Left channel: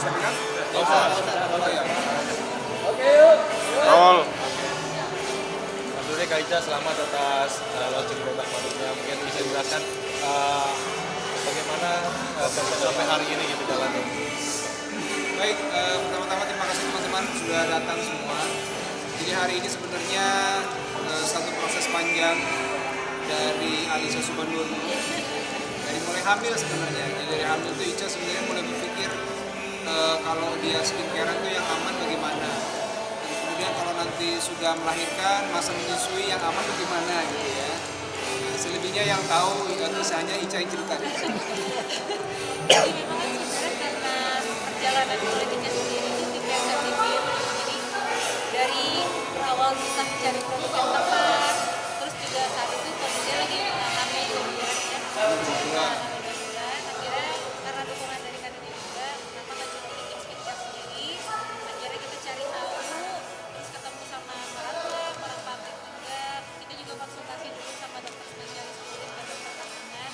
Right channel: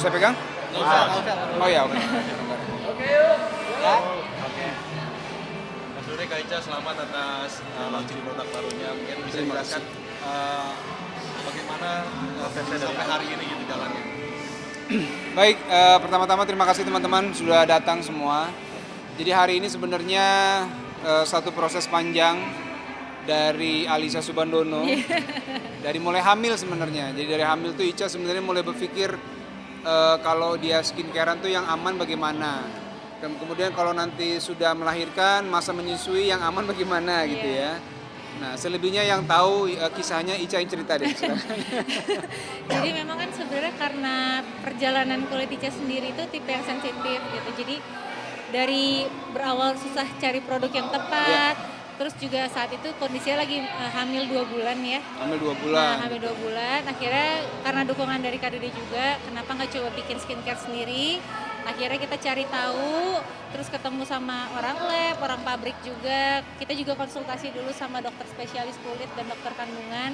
Saya pegang? Nggak usah. Oh ya. Awal. Maksudnya Kak Ica selamat atas launching produk barunya. Mungkin bisa dijelaskan bagaimana proses sampai hari ini gitu jalan. Baik, pertama-tama terima kasih teman-teman sudah datang semua. Jadi hari ini sebenarnya satu proses panjang dari Alisa Subandono. Dari mulai hamil sebenarnya. Jadi dari hamil tuh Ica sebenarnya mulai berpikir kalau dia skincarean tuh yang aman bagaimana. Dan kemudian kalau nanti sudah melahirkan, masa menyusui yang aman bagaimana gitu ya. Nah, selebihnya yang tahu kisahnya Ica yang cerita deh. Jadi memang kan sebenarnya karena perjalanan kulit Ica sendiri itu tipe yang sensitif gitu. Jadi dari berawal susah cari produk yang tepat, terus juga saat itu kondisinya lagi hamil 2 bulan ya. Hamil 2 bulan. Nah, hamil 2 bulan, akhirnya karena dukungan dari Kak Dede juga, kenapa nggak coba bikin skincare sendiri? Akhirnya kita cari tahu, terus ketemu sama orang lab, orang pabrik juga. Kita juga konsultasi dulu sama dokter spesialis kulit dan dokter kandungan.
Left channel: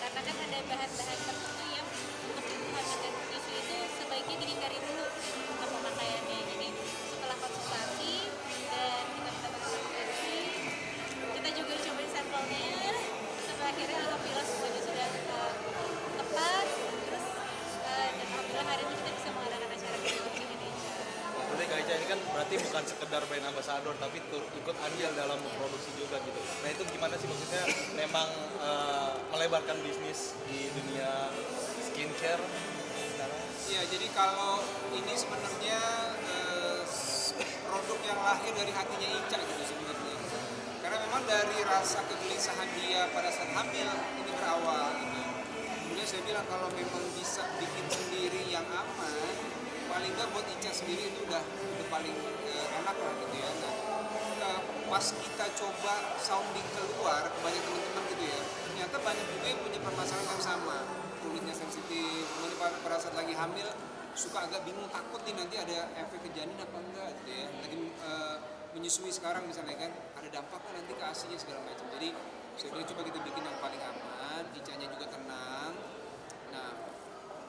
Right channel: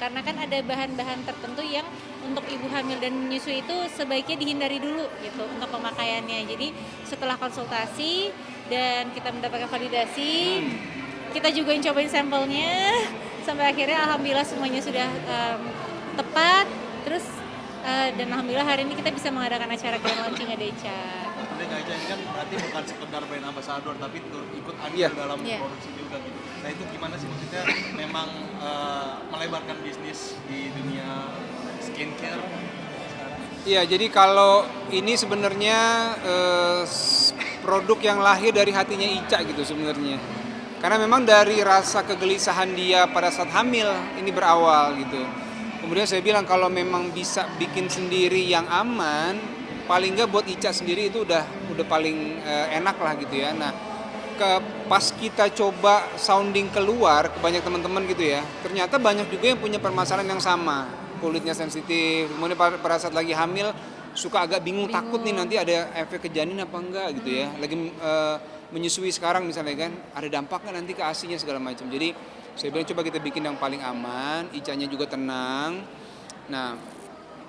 Karena kan ada bahan-bahan tertentu yang untuk ibu hamil dan menyusui itu sebaiknya dihindari dulu gitu untuk pemakaiannya. Jadi setelah konsultasi dan kita mendapatkan validasi, kita juga yang cobain sampelnya sampai akhirnya alhamdulillah semuanya sudah tepat. Terus dan alhamdulillah hari ini kita bisa mengadakan acara grand launching Adeca. Tapi Kak Ica ini kan berarti bukan sekedar brand ambassador tapi ikut andil dalam produksi juga gitu. Nah itu gimana sih maksudnya memang melebarkan bisnis di dunia skincare sekarang? Iya, jadi kalau ini sebenarnya produk yang lahir dari hatinya Ica gitu sebenarnya. Karena memang dari rasa kegelisahan dia pada saat hamil ini berawal gitu. Kemudian saya bilang kalau memang bisa bikin sendiri yang aman, paling nggak buat Ica sendiri itu udah paling enak lah gitu ya. Nah, pas kita coba sounding keluar ke banyak teman-teman gitu ya, ternyata banyak juga yang punya permasalahan yang sama, kulitnya sensitif, kemudian pada saat lagi hamil suka agak bingung. Takut nih nanti ada efek ke janin apa enggak gitu ya, lagi menyusui sekarang misalnya kan, ada dampaknya nanti ke ASI-nya segala macam. Jadi saya bilang coba kita bikin yang paling aman, Icanya juga tenang. Nah,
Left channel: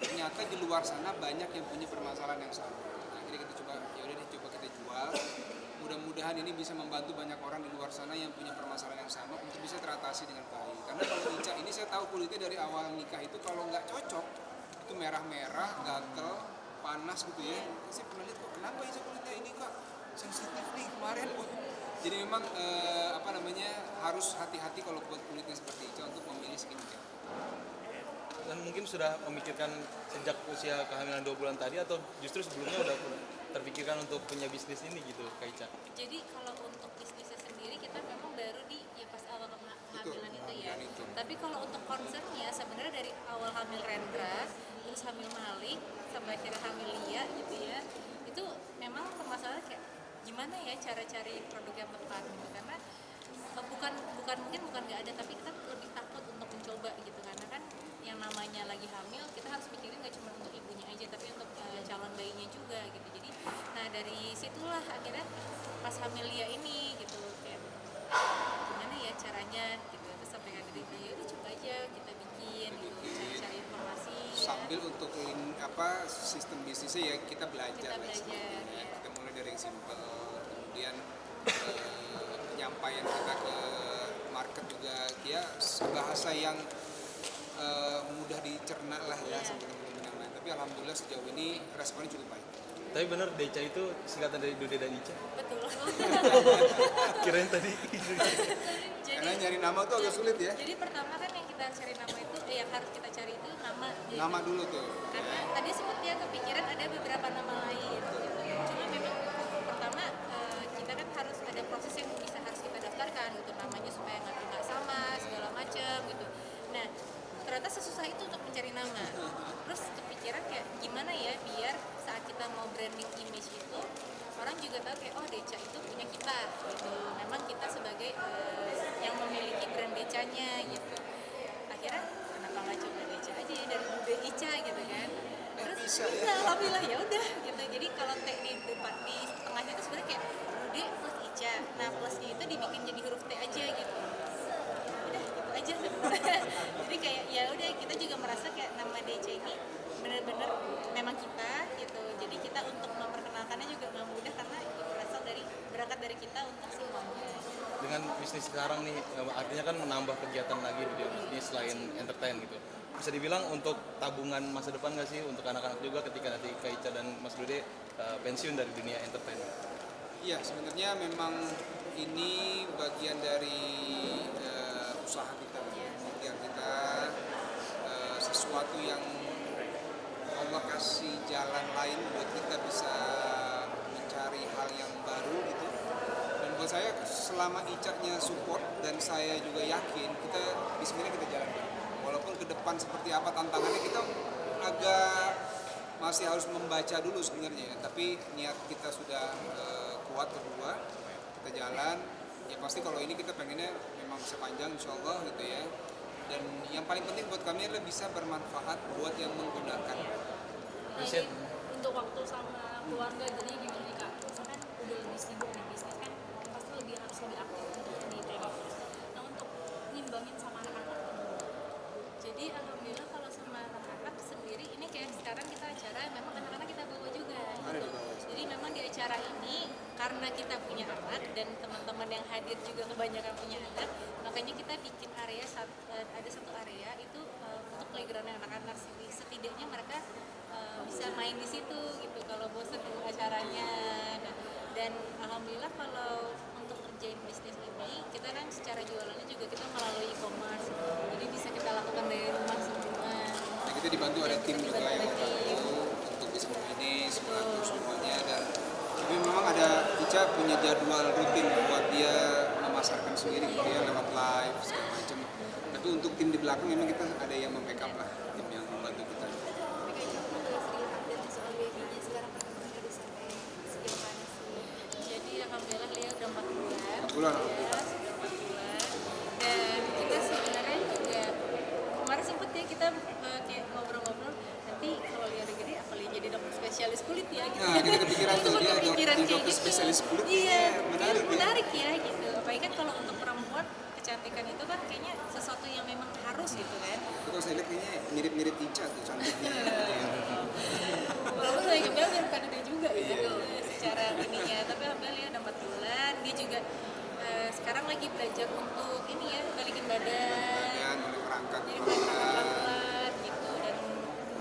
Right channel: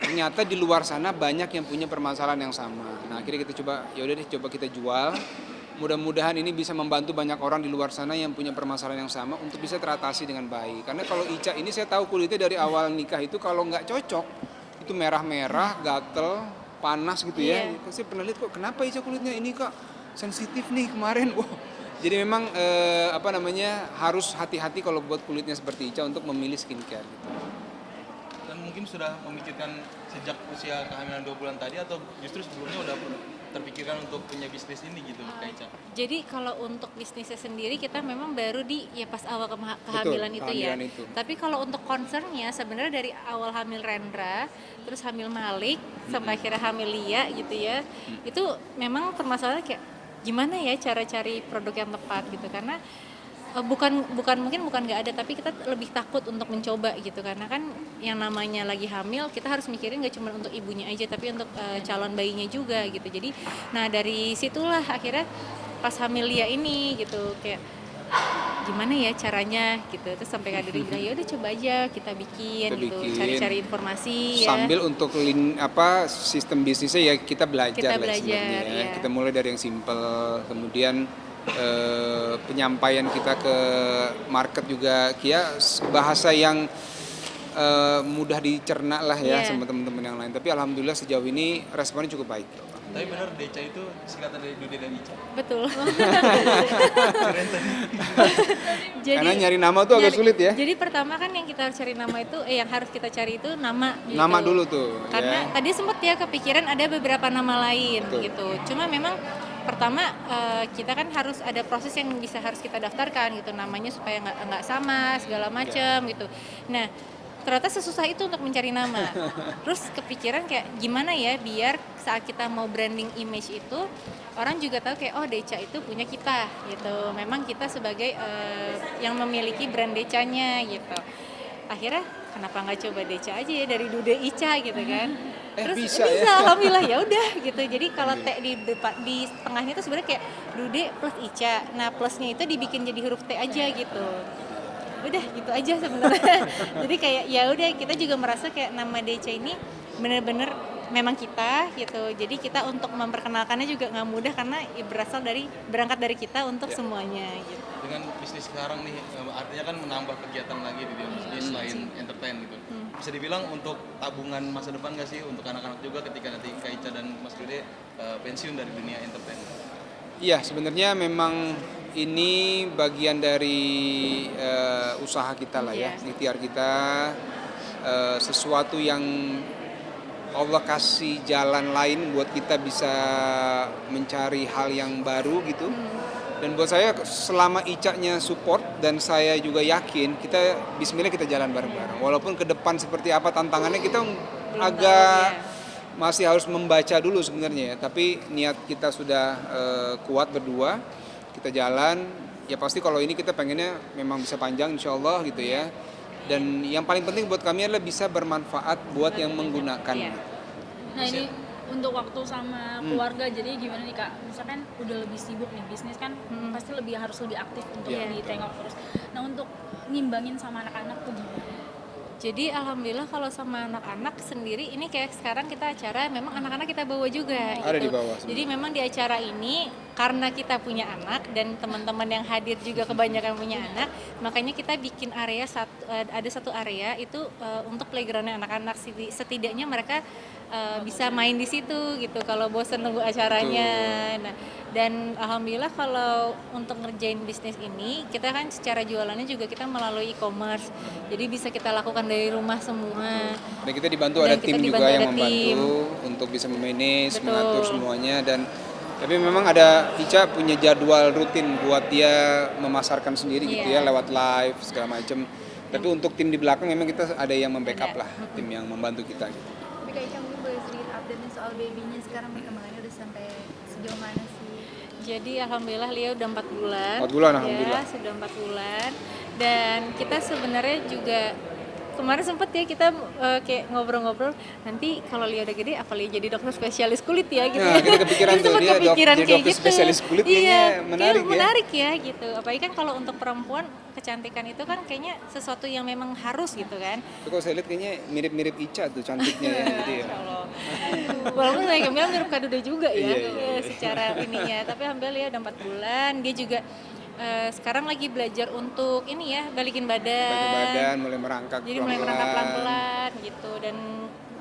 ternyata di luar sana banyak yang punya permasalahan yang sama. Nah, akhirnya kita coba, yaudah deh coba kita jual. Mudah-mudahan ini bisa membantu banyak orang di luar sana yang punya permasalahan yang sama untuk bisa teratasi dengan baik. Karena kalau Ica ini saya tahu kulitnya dari awal nikah itu kalau nggak cocok, itu merah-merah, gatel, panas gitu ya. Saya pernah lihat kok kenapa Ica kulitnya ini kok sensitif nih kemarin. Wah. Jadi memang harus hati-hati kalau buat kulitnya seperti Ica untuk memilih skincare. Gitu. Dan mungkin sudah memikirkan sejak usia kehamilan 2 bulan tadi atau justru sebelumnya udah terpikirkan untuk punya bisnis ini gitu Kak Ica? Jadi kalau untuk bisnisnya sendiri kita memang baru di pas awal kehamilan. Betul, itu ya. Itu. Tapi kalau untuk concernnya sebenarnya dari awal hamil Rendra, terus hamil Malik sampai akhirnya hamil Lia gitu ya. Itu memang permasalahannya kayak gimana ya cara cari produk yang tepat gitu, karena bukan nggak ada, tapi kita lebih takut untuk mencoba gitu, karena kan yang namanya lagi hamil kita harus mikirin nggak cuma untuk ibunya aja tapi untuk calon bayinya juga gitu. Jadi nah dari situlah akhirnya pas hamil Lia ini gitu kayak gimana ya caranya gitu, terus sampai Kak Dede bilang ya udah coba aja kita bikin gitu, cari-cari informasi sambil untuk sistem bisnisnya ya kita belajar sebenarnya ya. Kita mulai dari yang simple, kemudian penyampaian kita ke market juga bahasa yang mudah dicerna lah ya sama teman-teman yang lain. Tapi alhamdulillah sejauh ini responnya cukup baik. Tapi benar Deca itu singkatan dari Dode dan Ica? Betul. Jadi, karena nyari nama tuh agak sulit ya. Jadi pertama kan yang kita cari nama itu, yang harus kita cari itu nama gitu. Nama dulu tuh. Karena tadi sempat ya kepikiran ada beberapa nama lain gitu. Cuma memang pertama kita kan harus ada proses yang harus kita daftarkan gitu, namanya supaya nggak sama segala macam gitu. Nah ternyata sesusah itu untuk mencari nama. Terus kepikiran kayak gimana ya biar saat kita mau branding image itu orang juga tahu kayak oh Deca itu punya kita gitu. Memang kita sebagai yang memiliki brand Decanya gitu. Akhirnya kenapa nggak coba Deca aja ya dari Dude Ica gitu kan. Terus bisa ya? Alhamdulillah ya udah gitu. Jadi kalau T di tengahnya itu sebenarnya kayak Dude plus Ica. Nah plusnya itu dibikin jadi huruf T aja gitu. udah gitu aja sebenarnya. Jadi kayak ya udah kita juga merasa kayak nama DC ini bener-bener memang kita gitu. Jadi kita untuk memperkenalkannya juga nggak mudah karena ya berangkat dari kita untuk semuanya gitu. Dengan bisnis sekarang nih, artinya kan menambah kegiatan lagi di bisnis selain entertain gitu. Bisa dibilang untuk tabungan masa depan nggak sih untuk anak-anak juga ketika nanti Kak Ica dan Mas Rudy pensiun dari dunia entertain? Iya, sebenarnya memang ini bagian dari usaha kita lah ya, ikhtiar kita, sesuatu yang Allah kasih jalan lain buat kita bisa mencari hal yang baru gitu. Dan buat saya selama Ica-nya support dan saya juga yakin kita bismillah kita jalan bareng-bareng. Walaupun ke depan seperti apa tantangannya kita agak masih harus membaca dulu sebenarnya ya. Tapi niat kita sudah kuat berdua, kita jalan. Ya pasti kalau ini kita pengennya memang bisa panjang insya Allah gitu ya. Dan yang paling penting buat kami adalah bisa bermanfaat buat yang menggunakannya. Nah ini untuk waktu sama keluarga, jadi gimana nih Kak? Misalkan udah lebih sibuk nih bisnis kan, pasti harus lebih aktif untuk ditengok terus. Nah untuk ngimbangin sama anak-anak tuh gimana? Jadi alhamdulillah kalau sama anak-anak sendiri ini kayak sekarang kita acara memang anak-anak kita bawa juga gitu. Ada di bawah. Jadi memang di acara ini karena kita punya anak dan teman-teman yang hadir juga kebanyakan punya anak, makanya kita bikin area ada satu area itu untuk playgroundnya anak-anak. Setidaknya mereka bisa main di situ gitu kalau bosan nunggu acaranya. Nah, dan alhamdulillah kalau untuk ngerjain bisnis ini kita kan secara jualannya juga kita melalui e-commerce, jadi bisa kita lakukan dari rumah semua. Dan kita dibantu ada tim juga yang membantu untuk bisa memanage, mengatur semuanya. Dan tapi memang ada Ica punya jadwal rutin buat dia memasarkan sendiri gitu ya lewat live segala macam. Tapi untuk tim di belakang memang kita ada yang membackup lah, tim yang membantu kita. Tapi Kak Ica mungkin boleh sedikit update soal babynya sekarang perkembangannya udah sampai sejauh mana sih? Jadi alhamdulillah Lia udah 4 bulan. 4 bulan alhamdulillah. Ya, sudah 4 bulan. Dan kita sebenarnya juga kemarin sempat ya kita kayak ngobrol-ngobrol, nanti kalau Lia udah gede apa Lia jadi dokter spesialis kulit ya gitu. Nah, kita kepikiran tuh dia dokter spesialis kulit iya, menarik ya. Menarik ya gitu. Apalagi kan kalau untuk perempuan kecantikan itu kan kayaknya sesuatu yang memang harus gitu kan. Tapi kalau saya lihat kayaknya mirip-mirip Ica tuh cantiknya ya gitu ya. Walaupun saya bilang mirip Kadodo juga ya, Iya. secara ininya. Tapi alhamdulillah Lia udah 4 bulan, dia juga sekarang lagi belajar untuk ini ya, balikin badan. Mulai merangkak. Jadi mulai merangkak pelan-pelan gitu, dan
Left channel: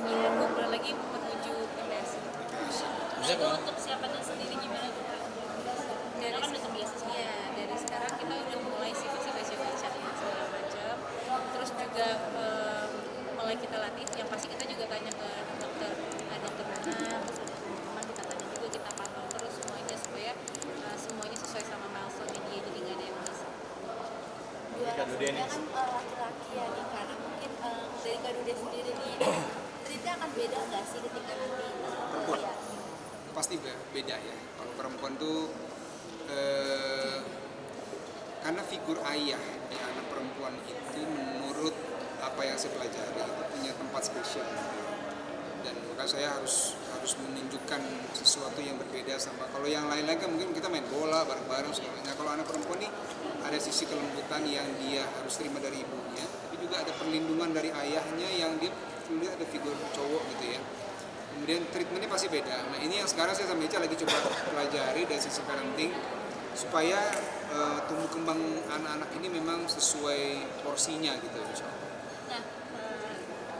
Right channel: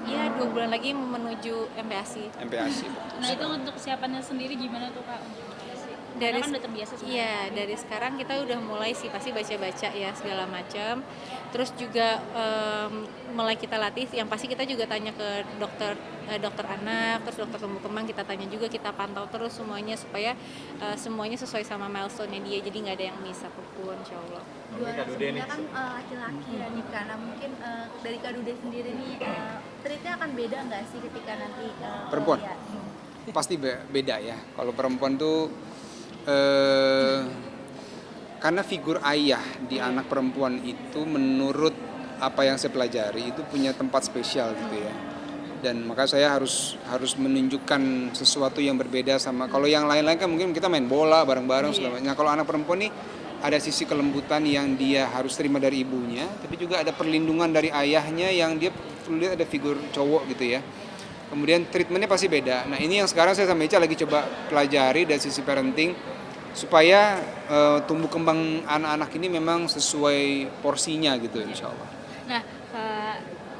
ya 2 bulan lagi menuju MPASI. Nah itu untuk kesiapannya sendiri gimana tuh Kak? Dari kan udah terbiasa sih. Iya, dari sekarang kita udah mulai sih pasti baca-baca ya segala macam. Terus juga mulai kita latih, yang pasti kita juga tanya ke dokter anak, terus dokter tumbuh kembang kita tanya juga, kita pantau terus semuanya supaya semuanya sesuai sama milestone-nya dia, jadi nggak ada yang miss apapun insyaallah. Dua sebenarnya kan laki-laki ya nikah. Nah mungkin dari Kak Dude sendiri nih treatnya akan beda nggak sih ketika nanti Perempuan? ya? Pasti beda ya. Kalau perempuan tuh karena figur ayah di anak perempuan itu menurut apa yang saya pelajari itu punya tempat spesial gitu ya. Dan maka saya harus menunjukkan sesuatu yang berbeda sama kalau yang lain-lain kan mungkin kita main bola bareng-bareng segala macam. Nah, kalau anak perempuan nih ada sisi kelembutan yang dia harus terima dari ibunya, tapi juga ada perlindungan dari ayahnya yang dia perlu lihat ada figur cowok gitu ya. Kemudian treatmentnya pasti beda. Nah ini yang sekarang saya sama Ica lagi coba pelajari dari sisi parenting supaya tumbuh kembang anak-anak ini memang sesuai porsinya gitu insya Allah. Nah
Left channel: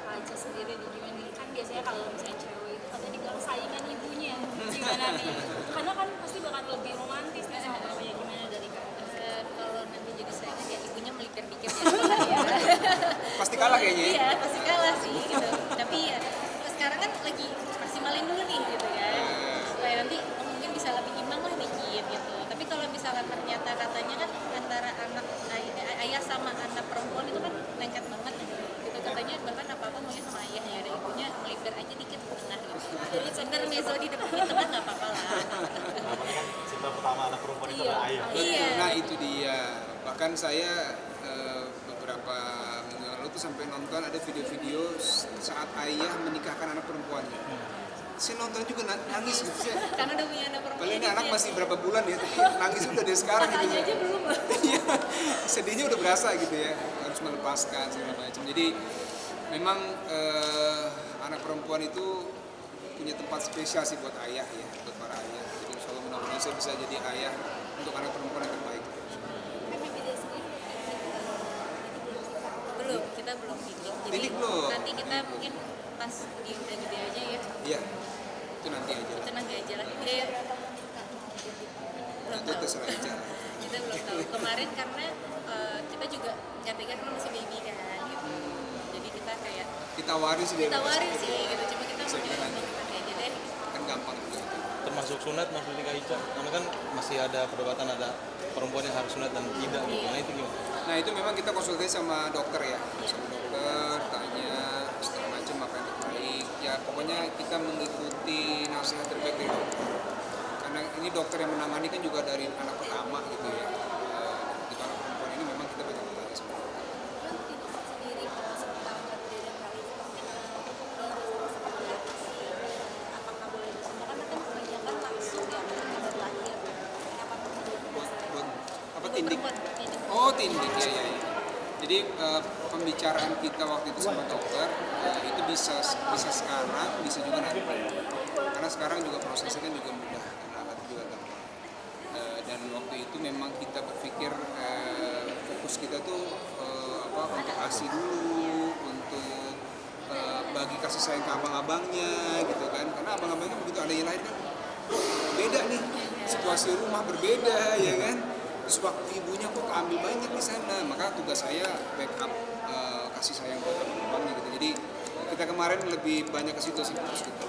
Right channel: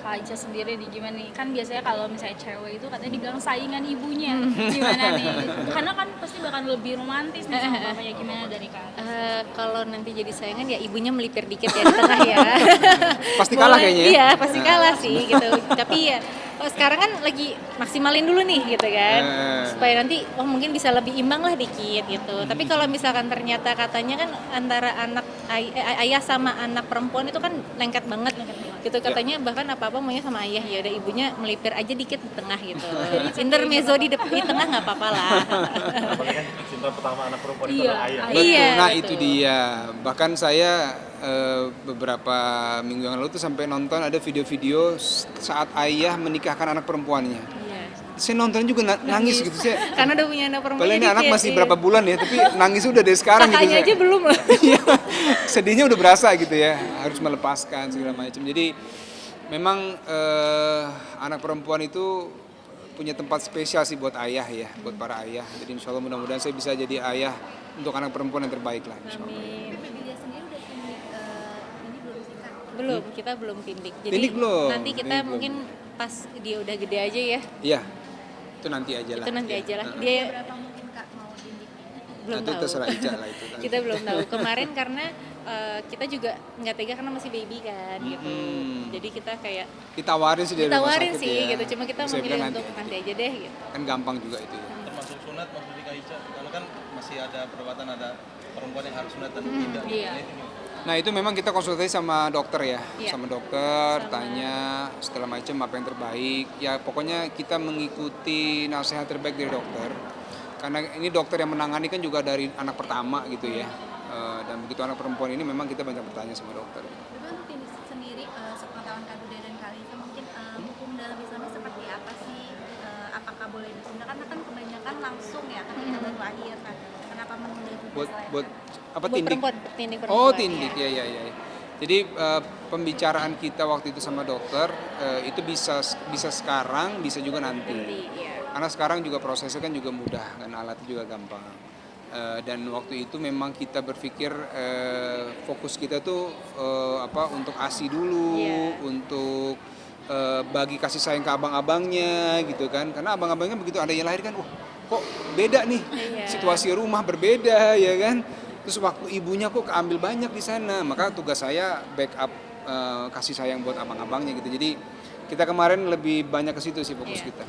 Kak Ica sendiri nih gimana nih? Kan biasanya kalau misalnya cewek itu katanya dibilang saingan ibunya. Gimana nih? Karena kan pasti bakal lebih romantis nih sama bapaknya, gimana dari Kak? Kalau nanti jadi saingan ya ibunya melipir dikit ya di tengah ya. Pasti kalah kayaknya ya? Iya pasti kalah sih gitu. Tapi ya sekarang kan lagi maksimalin dulu nih gitu kan, supaya nanti mungkin bisa lebih imbang lah dikit gitu. Tapi kalau misalkan ternyata katanya kan antara ayah sama anak perempuan itu kan lengket banget gitu katanya, bahkan apa-apa maunya sama ayah, ya udah ibunya melipir aja dikit di tengah gitu. Intermezzo di tengah nggak apa-apa lah. Cinta pertama anak perempuan itu Iya. adalah ayah. Betul, Iya, nah betul. itu dia. Bahkan saya beberapa minggu yang lalu tuh sampai nonton ada video-video saat ayah menikahkan anak perempuannya. saya nonton juga nangis gitu saya. Karena udah punya anak perempuan. Padahal ini jadi anak kayak, masih iya. berapa bulan ya, tapi nangis udah dari sekarang gitu. Kakaknya aja belum loh. Iya, sedihnya udah berasa gitu ya, harus melepaskan segala macam. Jadi memang anak perempuan itu punya tempat spesial sih buat ayah ya, buat para ayah. Jadi insya Allah mudah-mudahan saya bisa jadi ayah untuk anak perempuan yang terbaik lah. insya Allah. Tapi Biga sendiri udah pindik ini belum sih Kak? Belum, kita belum tindik. Jadi Tindik belum? nanti kita Tindik mungkin pas dia udah gede aja ya. Iya, itu nanti aja lah. Itu nanti aja lah. Dia Berapa mungkin Kak mau pindik? belum Itu tahu. terserah Ica lah itu. Kita belum tahu. Kemarin karena kita juga nggak tega karena masih baby kan gitu. Jadi kita kayak Ditawarin sih dari rumah ditawarin sakit sih ya. gitu. Cuma kita Saya memilih bilang untuk nanti aja deh gitu. kan gampang juga itu. Termasuk sunat maksudnya Kak Ica, karena kan masih ada perdebatan ada perempuan yang harus sunat dan tidak. iya. Nah itu juga. Nah itu memang kita konsultasi sama dokter ya, Iya. sama dokter, tanya segala macam apa yang terbaik. Ya pokoknya kita mengikuti nasihat terbaik dari dokter. Karena ini dokter yang menangani kan juga dari anak pertama gitu ya. Dan begitu anak perempuan ini memang kita banyak bertanya sama dokter. Tapi untuk tindik sendiri sepengetahuan Kak Duda dan Kak Liza mungkin hukum dalam Islam seperti apa sih? Apakah boleh disunat? Karena kan kebanyakan langsung ya ketika baru lahir kan. Kenapa memilih tidak selain Buat apa Buat tindik? perempuan, tindik Oh perempuan. tindik ya ya ya. Jadi pembicaraan kita waktu itu sama dokter itu bisa sekarang, bisa juga nanti. Karena sekarang juga prosesnya kan juga mudah, kan alat juga gampang. Dan waktu itu memang kita berpikir fokus kita tuh untuk ASI dulu, untuk bagi kasih sayang ke abang-abangnya gitu kan. Karena abang-abangnya begitu ada yang lahir kan, kok beda nih, situasi rumah berbeda ya kan. Terus waktu ibunya kok keambil banyak di sana, maka tugas saya backup kasih sayang buat abang-abangnya gitu. Jadi kita kemarin lebih banyak ke situ sih fokus kita.